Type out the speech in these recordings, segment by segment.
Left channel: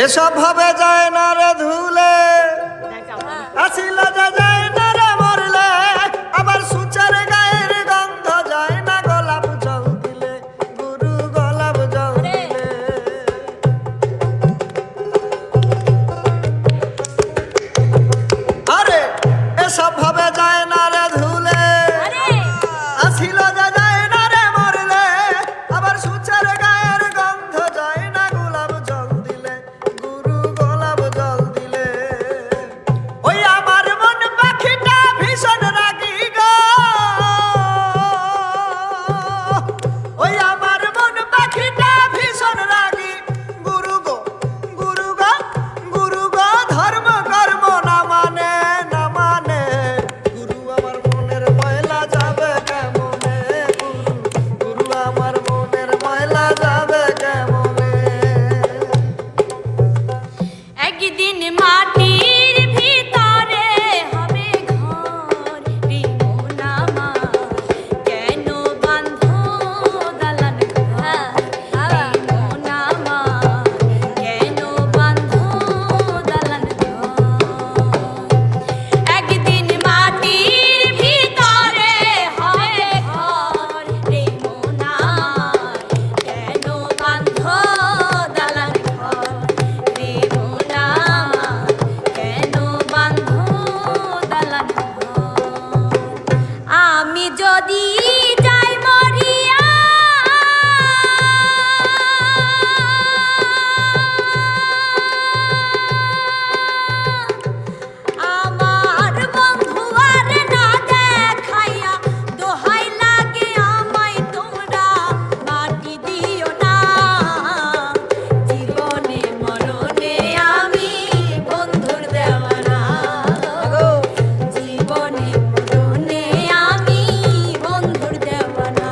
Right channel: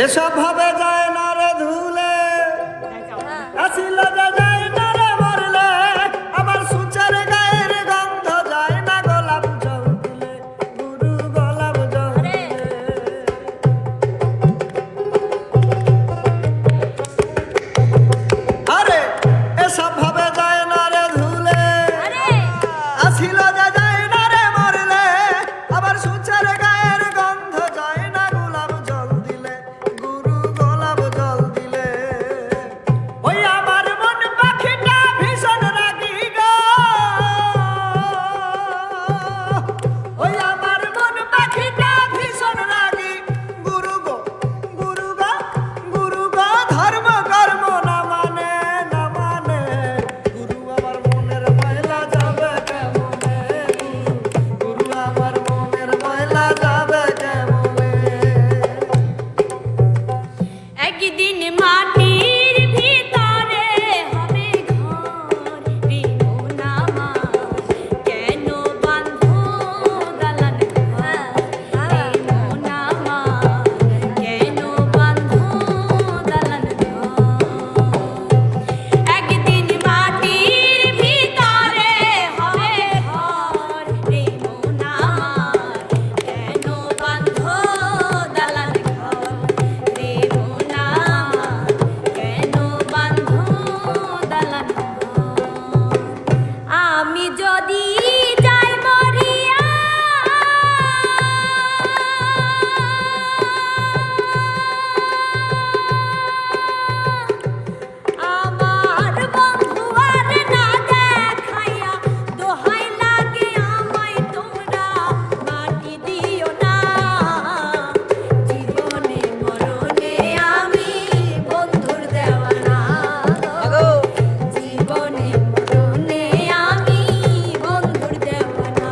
এসব ভাবে যায় না রে ধুলে, আসিল যে যায় না রে মরলে, আবার সুচার গায়ের গন্ধ যায় না গোলাপ জল দিলে, গুরু গোলাপ জল দিলে। আরে এসব ভাবে যায় না রে ধুলে, আসিল যে যায় না রে মরলে, আবার সুচার গায়ের গন্ধ যায় না গোলাপ জল দিলে, গুরু গোলাপ জল দিলে। ওই আমার মন পাখিটা ভীষণ রাগী গো, ওই আমার মন পাখিটা ভীষণ রাগী, গুরু গো গুরু গো গুরু গো, ধর্ম কর্ম না মানে না মানে, গুরু আমার মনের ময়লা যাবে কেমনে, গুরু আমার মনের ময়লা যাবে কেমনে। একদিন মাটির ভিতরে হবে ঘর, রে মন আমার কেন বাঁধো দালান ঘর, রে মন আমার কেন বাঁধো দালান ঘর। একদিন মাটির ভিতরে হবে ঘর, রে মন আমার কেন বাঁধো দালান ঘর, রে মন আমার কেন বাঁধো দালান ঘর। আমি যদি যাই মরিয়া, আমার বন্ধু আর না দেখাইয়া, দোহাই লাগে আমায় তোমরা মাটি দিও না। জীবনে মরণে আমি বন্ধুর দেওয়ানা, জীবনে মরণে আমি বন্ধুর দেওয়ানা।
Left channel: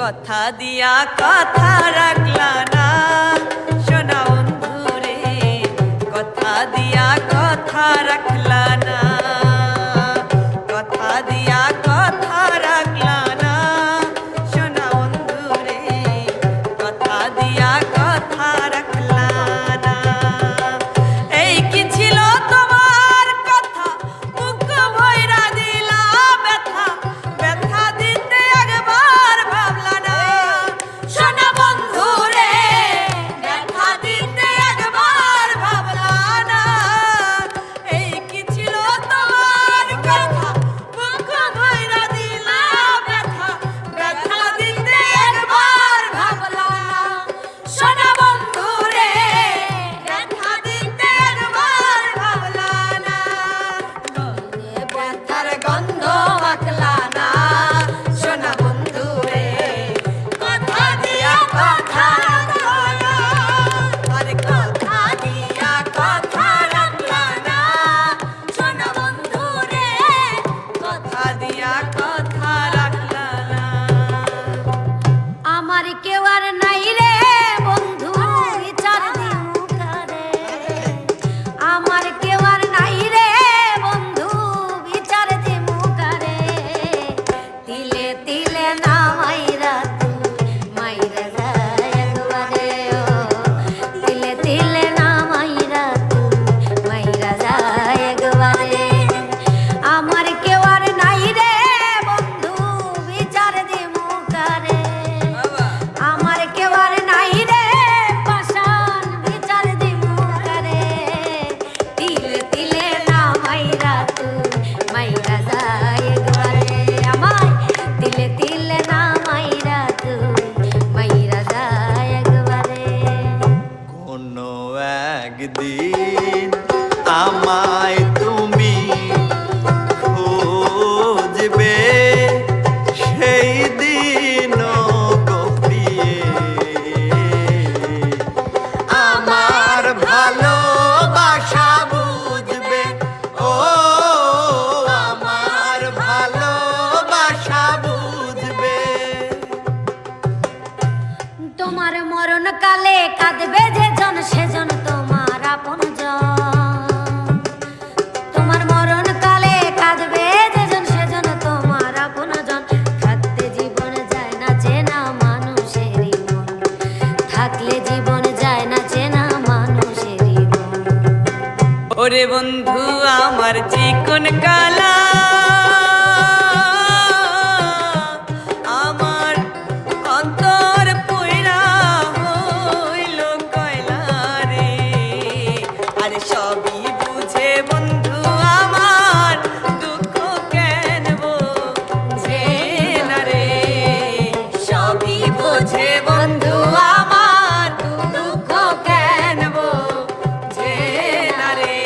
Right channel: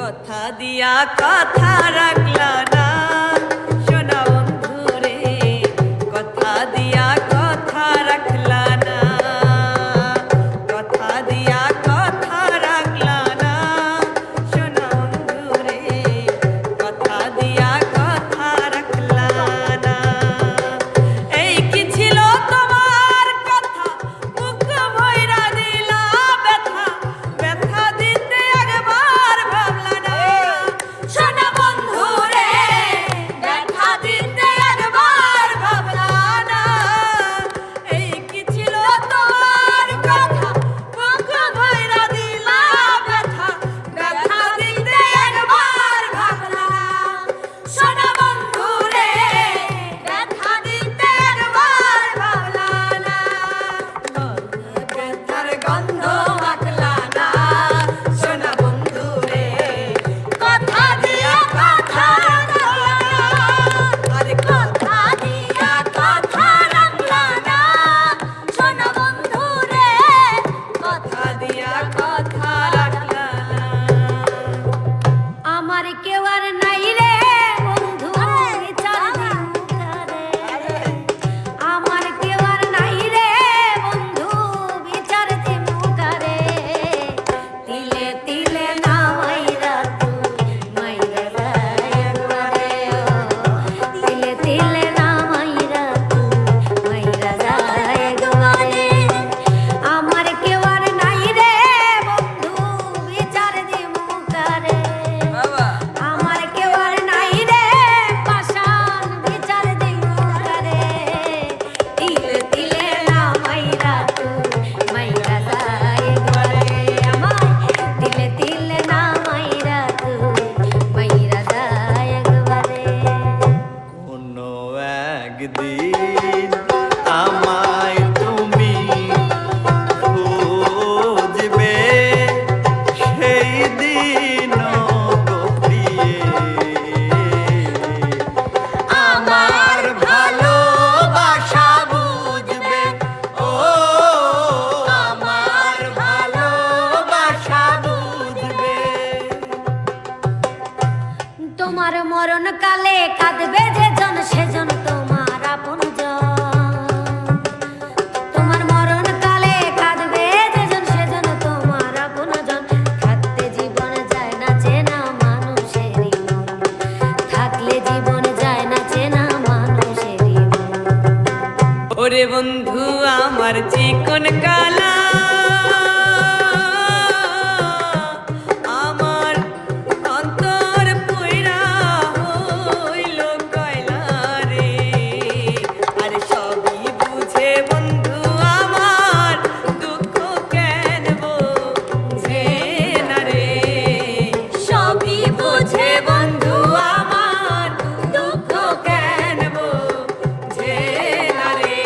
কথা দিয়া কথা রাখলা না সোনা বন্ধু রে, কথা দিয়া কথা রাখলা না, কথা দিয়া কথা রাখলা না সোনা বন্ধু রে, কথা দিয়া কথা রাখলা না। এই কি ছিল তোমার কথা, বুক ভইরা দিলা ব্যথা, ব্যথা দিতে একবার ভাবলা না সোনা বন্ধু রে বন্ধু আমার চিকন কালা, আমার অন্তর পয়রা হইল কয়লা রে। আর সবই বুঝে বন্ধু আমার দুঃখ কেন বোঝে না রে। সবই বোঝে বন্ধু আমার দুঃখ কেন বোঝে না রে।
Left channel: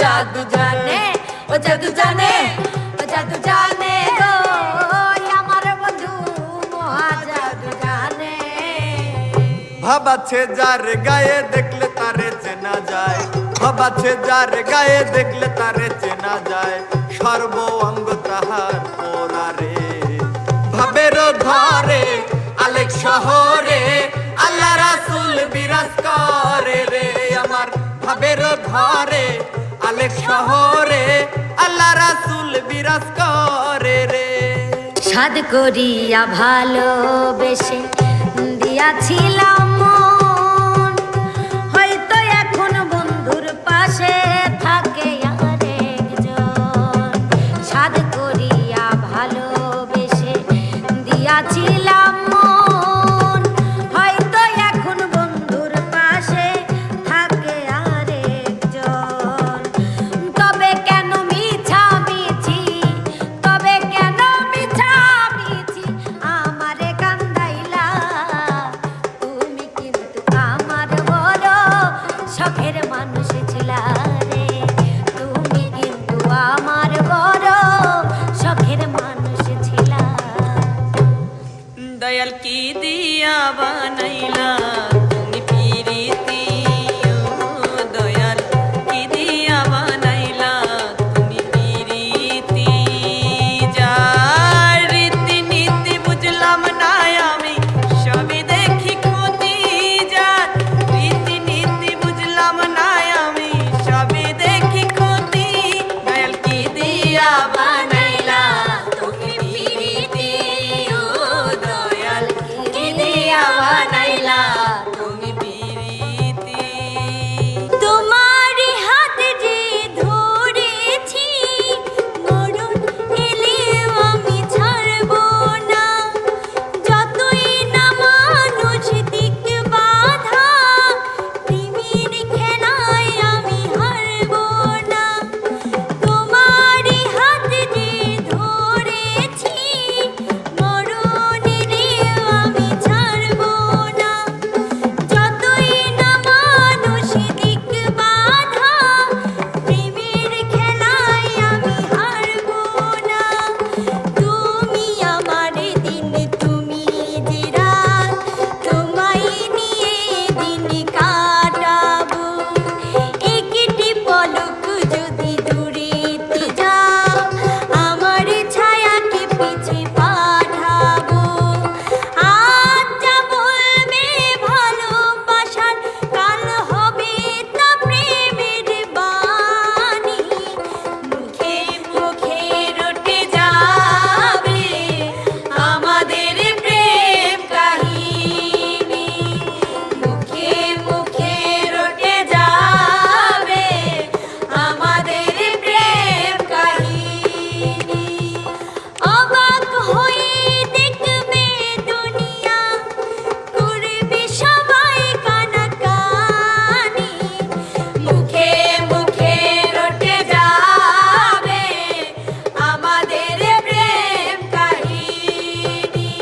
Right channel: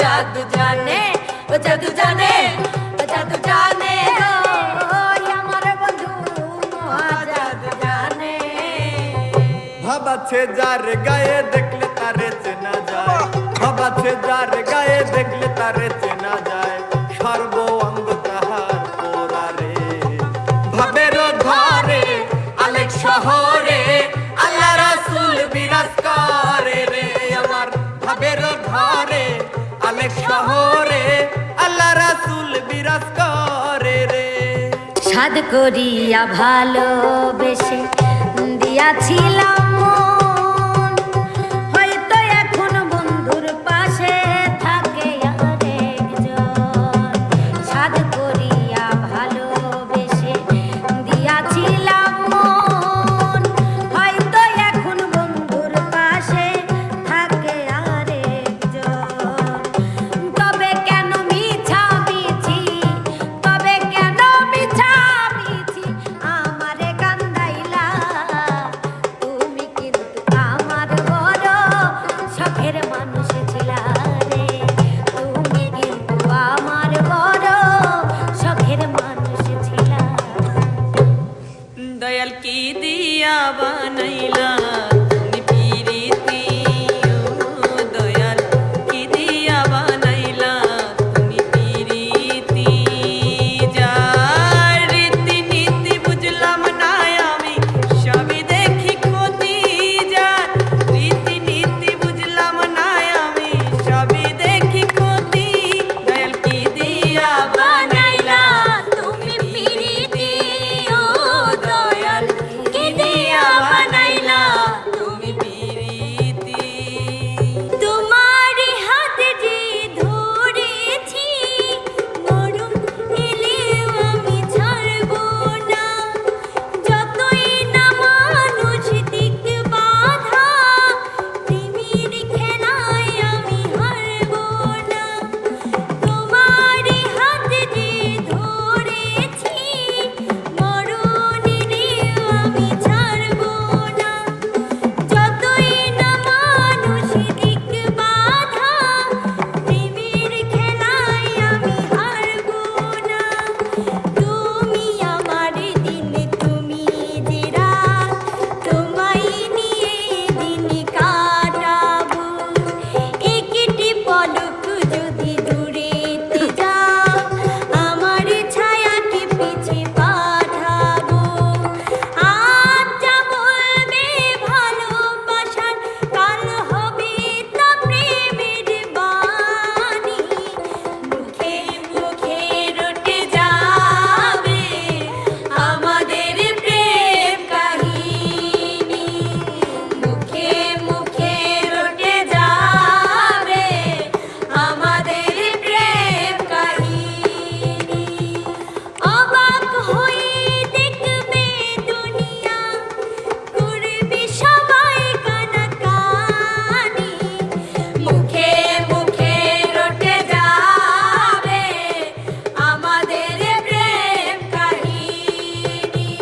জাদু জানে, ও জাদু জানে, ও জাদু জানে গো, আমার বন্ধু মহা জাদু জানে। ভাবাছে যার গায়ে দেখলে তারে চেনা যায়, ভাবাছে যার গায়ে দেখলে তারে চেনা যায়, সর্ব অঙ্গ তাহার পোড়ারে। ভাবের ধরে আলেক শহরে আল্লাহ রাসূল বিরাজ করে রে আমার। ভাবের ধরে আলেক শহরে আল্লাহ রাসূল বিরাজ করে রে। সাদ করিয়া ভালোবেসে দিয়াছিলাম মন, হয়তো এখন বন্ধুর পাশে থাকে আরেকজন। সাদ করিয়া ভালোবেসে দিয়াছিলাম মন, হয়তো এখন বন্ধুর পাশে থাকে আরেকজন। তবে কেন মিছামিছি, তবে কেন মিছামিছি আমারে কান্দাইলা, তুমি কিন্তু আমার বড় শখের মানুষ ছিলা রে, তুমি কিন্তু আমার বড় শখের মানুষ ছিলা। দয়াল কি দিয়া বানাইলা তুমি পিরিতি, দয়াল কি দিয়া বানাইলা তুমি পিরিতি। যার রীতি নীতি বুঝলাম না আমি, সবই দেখি ক্ষতি। যার রীতি নীতি বুঝলাম না আমি, সবই দেখি ক্ষতি। দয়াল কি দিয়া বানাইলা তুমি পিরিতি, ও দয়াল কি দিয়া বানাইলা তুমি পিরিতি। তোমারই হাতে যে ধরেছি মরণ এলেও আমি ছাড়বো না, যতই না মানুষ দিক বাধা প্রেমের খেলায় আমি হারবো না। তোমারই হাতে যে ধরেছি মরণ এলেও আমি ছাড়বো না, যতই না মানুষ দিক বাধা প্রেমের খেলায় আমি হারবো না। তুমি আমার দিন, তুমি যে রাত, তোমায় নিয়ে দিন কাটাবো। একটি পলক যদি দূরেতে যাও, আমার ছায়াকে পিছে পাঠাবো। আজ যা বলবে ভালোবাসার, কাল হবে তা প্রেমের বাণী। মুখে মুখে রটে যাবে আমাদের প্রেম কাহিনী, মুখে মুখে রটে যাবে আমাদের প্রেম কাহিনী। অবাক হয়ে দেখবে দুনিয়া, করবে সবাই কানাকানি। মুখে মুখে রটে যাবে আমাদের প্রেম কাহিনী,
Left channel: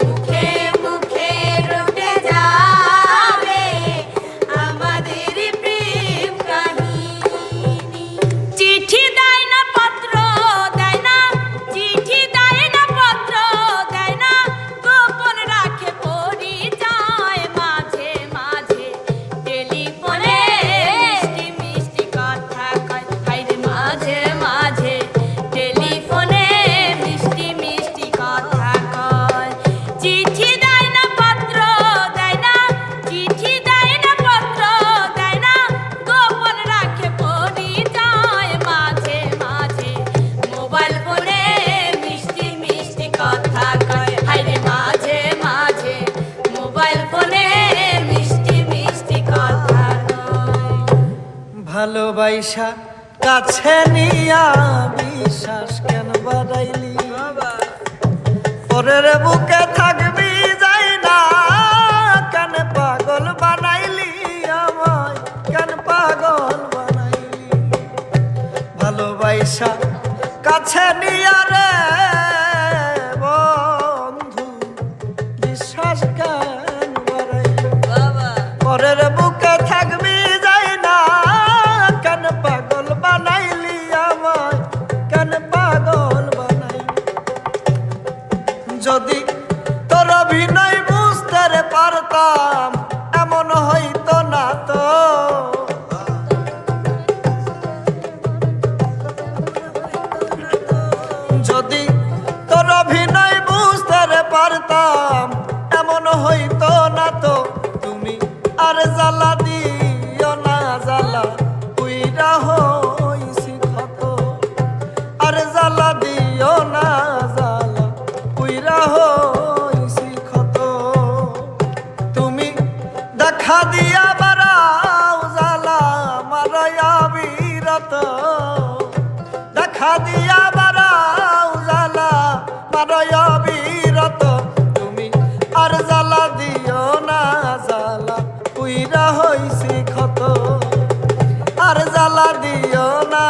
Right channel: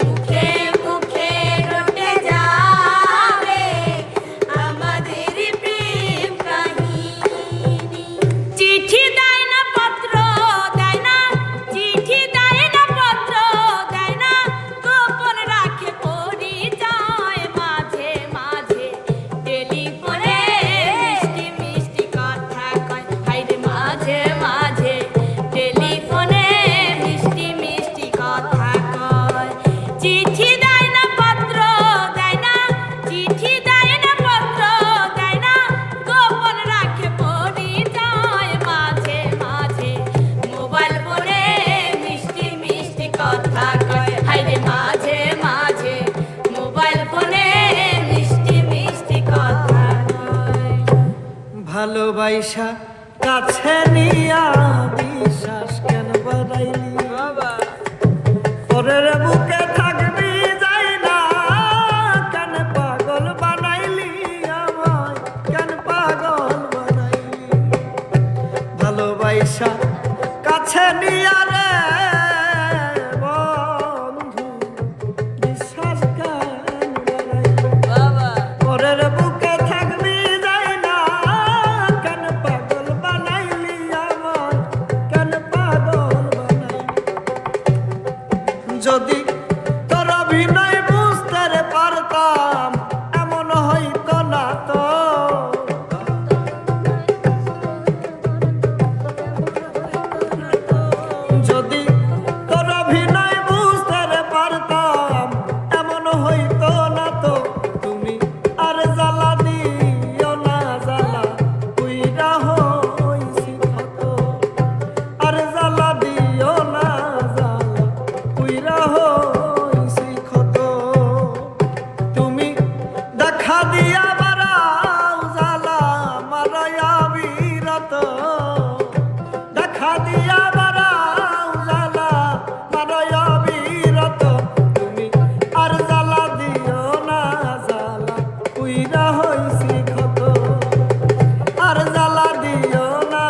মুখে মুখে রটে যাবে আমাদের প্রেম কাহিনী। চিঠি দেয় না, পত্র দেয় না, চিঠি দেয় না, পত্র দেয় না, গোপন রাখে পরিচয়। মাঝে মাঝে টেলিফোনে মিষ্টি মিষ্টি কথা কয়, হায়রে মাঝে মাঝে টেলিফোনে মিষ্টি মিষ্টি কথা কয়। চিঠি দেয় না, পত্র দেয় না, চিঠি দেয় না, পত্র দেয় না, গোপন রাখে পরিচয়। মাঝে মাঝে মোবাইল ফোনে মিষ্টি মিষ্টি কথা কয়, হায়রে মাঝে মাঝে মোবাইল ফোনে মিষ্টি মিষ্টি কথা কয়। ভালোবাসা কাছে নিয়া বিশ্বাস কেন বাড়াইলি, পরের বুকে থাকবি যাই না, কেন পাগল বানাইলি আমায়, কেন পাগল বানাইলি। ভালোবাসা কাছে নিয়া রে বন্ধু বিশ্বাস কেন বাড়াইলি, পরের বুকে থাকবি যাই না, কেন পাগল পুইরা হইছি ক্ষত আর জ্বালা দিও না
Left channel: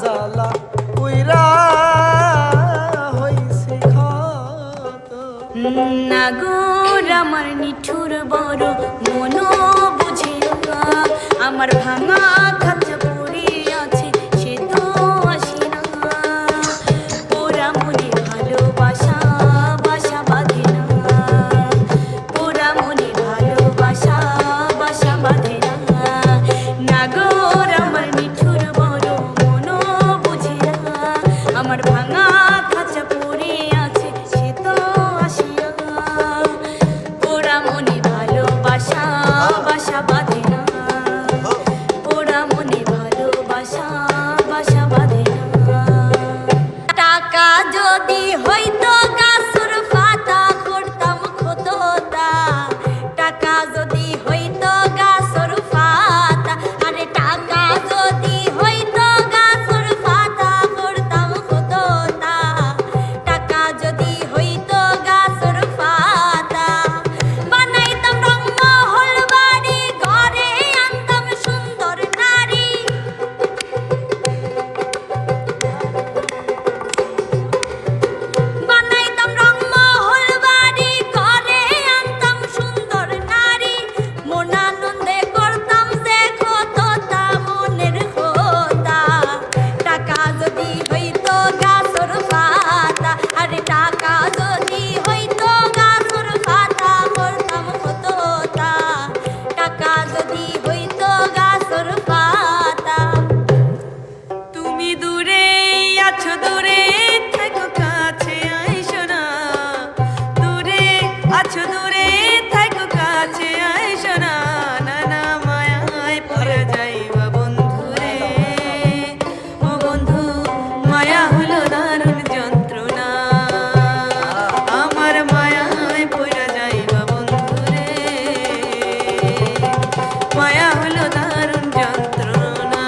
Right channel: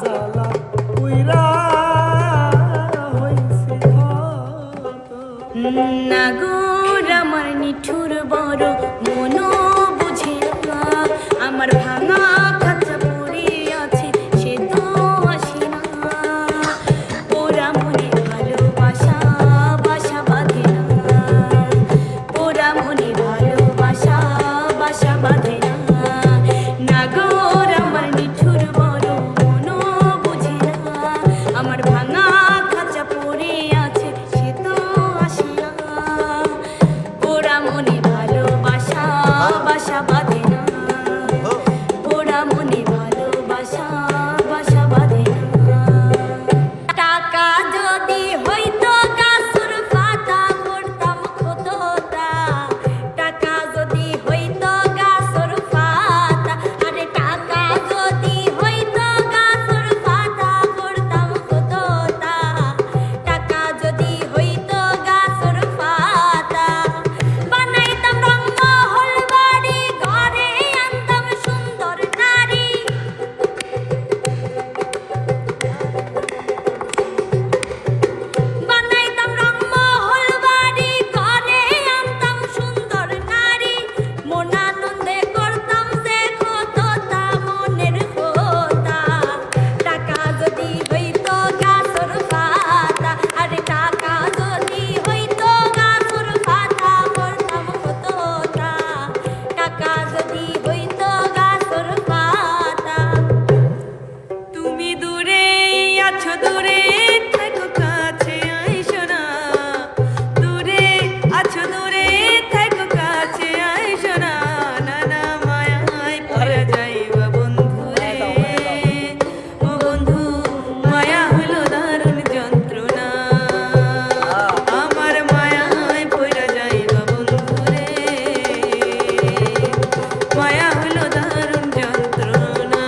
জ্বালা পুইরা হইছি ক্ষত নাগর আমার নিঠুর বড় মনো বুঝে না আমার ভাঙা খাঁচা পড়ে আছে সে তো আসি না ওরা মনে ভালোবাসা বাসা বাঁধে না ওরা মনে ভালোবাসা বাসা বাঁধে না নাগর আমার নিঠুর বড় মনো বুঝে না আমার ভাঙা খাঁচা পড়ে আছে সে তো আসি না ওরা মনে ভালোবাসা বাসা বাঁধে না ওরা মনে ভালোবাসা বাসা বাঁধে না টাকা যদি হইতো গাছর পাতা করতাম কতটা টাকা যদি হইতো গাছর পাতা আরে টাকা যদি হইতো গাছর পাতা করতাম কতটা টাকা যদি হইতো গাছর পাতা বানাইতাম রংমহল বাড়ি ঘরে আনতাম সুন্দর নারী বানাইতাম রংমহল বাড়ি ঘরে আনতাম সুন্দর নারী মন আনন্দে করতাম যে কতটা মনের কথা টাকা যদি হইতো গাছর পাতা আরে টাকা যদি হইতো গাছর পাতা করতাম কতটা টাকা যদি হইতো গাছর পাতা তুমি দূরে আছো দূরে থাকো কাছে আইসো না দূরে আছো দূরে থাকো কাছে আইসো না নানা মায়ায় পড়ে যাইবা বন্ধু রে ও বন্ধু মায়া হলো দারুণ যন্ত্রণা আমার মায়ায় পড়ে যাইবা বন্ধু রে মায়া হলো দারুণ যন্ত্রণা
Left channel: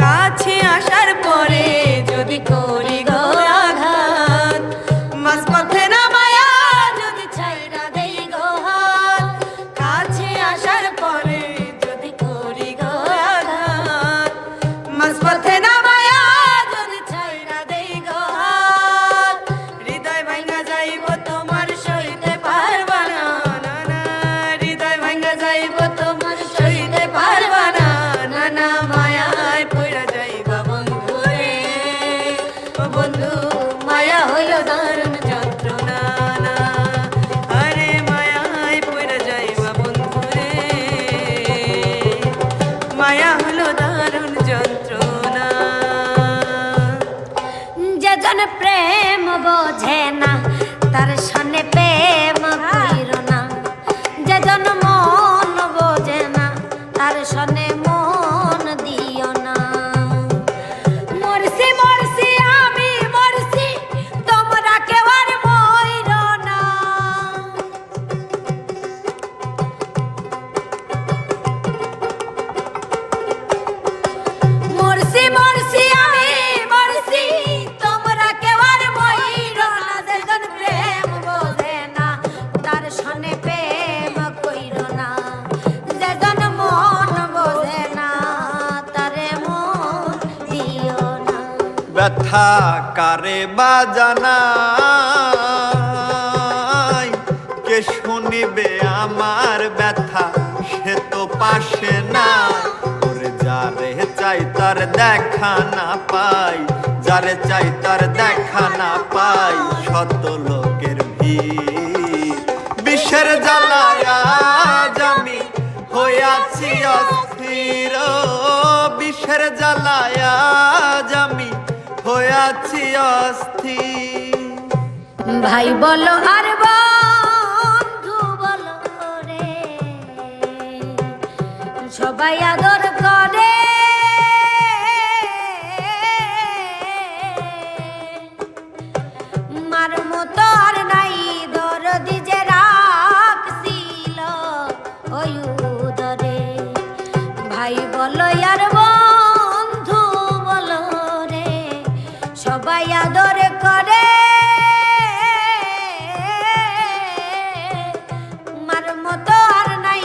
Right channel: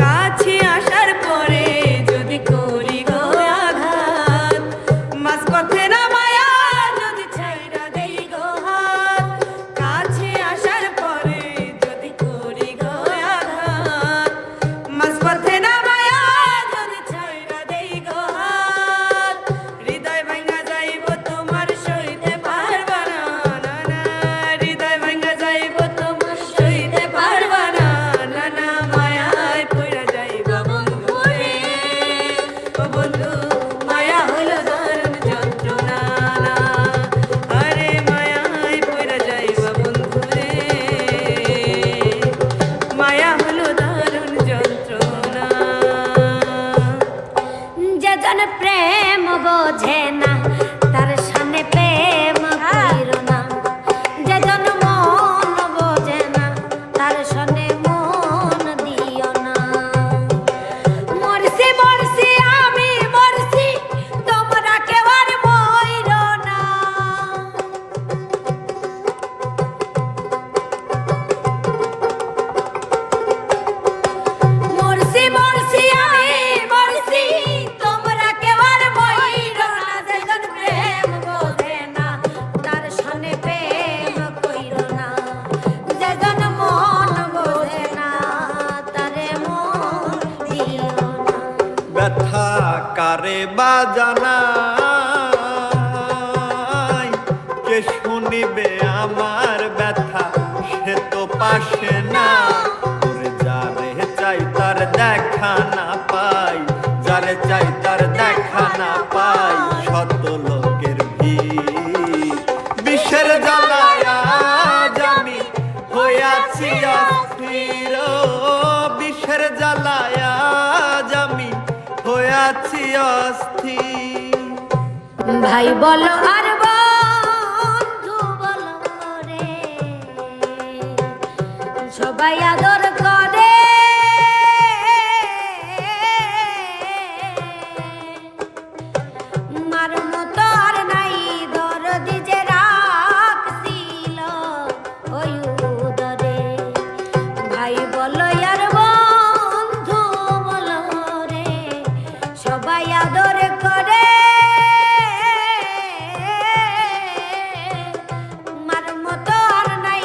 কাছে আসার পরে যদি করি গো আঘাত মাঝপথে না মায়া যদি ছাইরা দেই গো হাত কাছে আসার পরে যদি করি গো আঘাত মাঝপথে না মায়া যদি ছাইরা দেই গো হাত হৃদয় ভাঙা যাইব তোমার সইতে পারবা না না না হৃদয় ভাঙা যাইব তোমার সইতে পারবা না না না মায়ায় পড়া যাইবা বন্ধু রে ও বন্ধু মায়া হলো দারুণ যন্ত্রণা না আরে মায়ায় পড়া যাইবা বন্ধু রে মায়া হলো দারুণ যন্ত্রণা যেজন প্রেম বোঝে না তার সামনে প্রেম কইরো না যেজন মন বোঝে না তার সামনে মন দিও না মরছি মরছি আমি মরছি তোমরা কেউ আর মইরো না মরছি মরছি আমি মরছি তোমরা কেউ আর মইরো না যেজন প্রেম বোঝে না তার সনে প্রেম কইরো না যেজন মন বোঝে না তারে মন দিও না ব্যথা কারে বাজানাই কে শুনিবে আমার ব্যথা সে তো পাশে না ওরে যারে চাই তার দেখা না পাই যারে চাই তার দেখা না পাই শত লোকের ভিড় বিষের জ্বালায় আজ আমি হইয়াছি অস্থির বিষের জ্বালায় আজ আমি হইয়াছি অস্থির ভাই বলো আর বন্ধু বলো রে সবাই আদর করে মার মতো আর নাই দরদি যে রাখছিল ওই উদরে ভাই বলো আর বন্ধু বলো রে সবাই আদর করে মার মতো আর নাই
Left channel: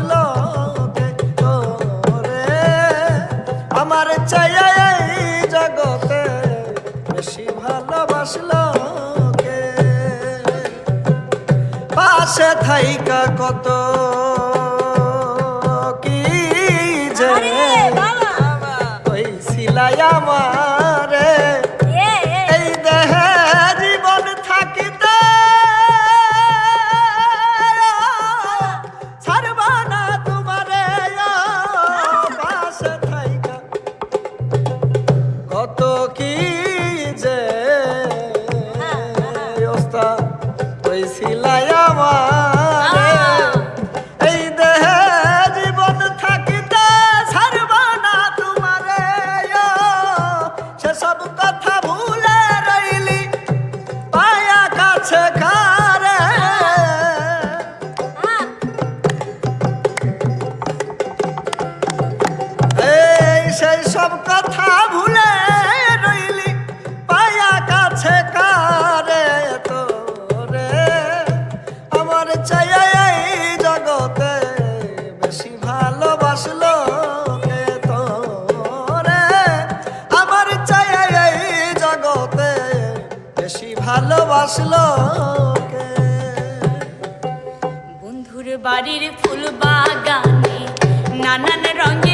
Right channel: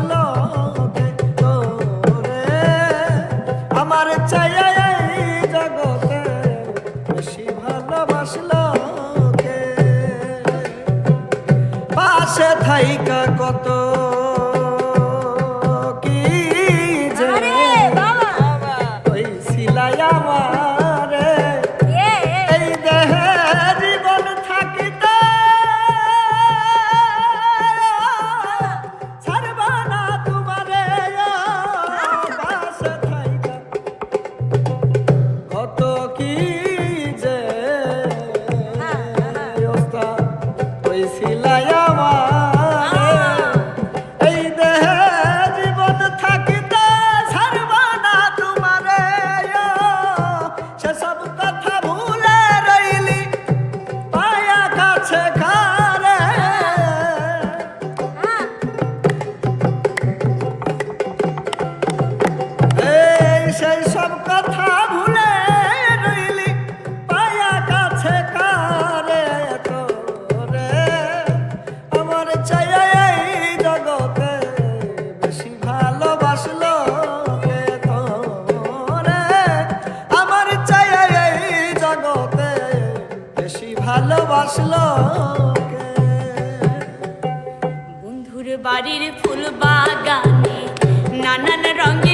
ভালোবাসলো কে তোরে আমার চাইয়া এই জগতে বেশি ভালোবাসলো কে পাশে থাইকা কত কি যে আরে বাবা ওই সিলাই আমারে এই দেহে জীবন থাকিতে ছাড়বা না তোমারে পাশে থাইকা কত কি যে ওস্তাদ ওই সিলাই আমারে এই দেহে জীবন থাকিতে ছাড়বা না তোমারে সেসব কথা ভুলে রইলি পায়া কাছে কারে এই সেই সব কথা ভুলে রইলি পায়া কাছে কারে তোরে আমার চাই এই জগতে বেশি ভালোবাসলো কে তোরে আমার চাই এই জগতে বেশি ভালোবাসলো কে বন্ধুর বাড়ির ফুল বাগানে নানান রঙের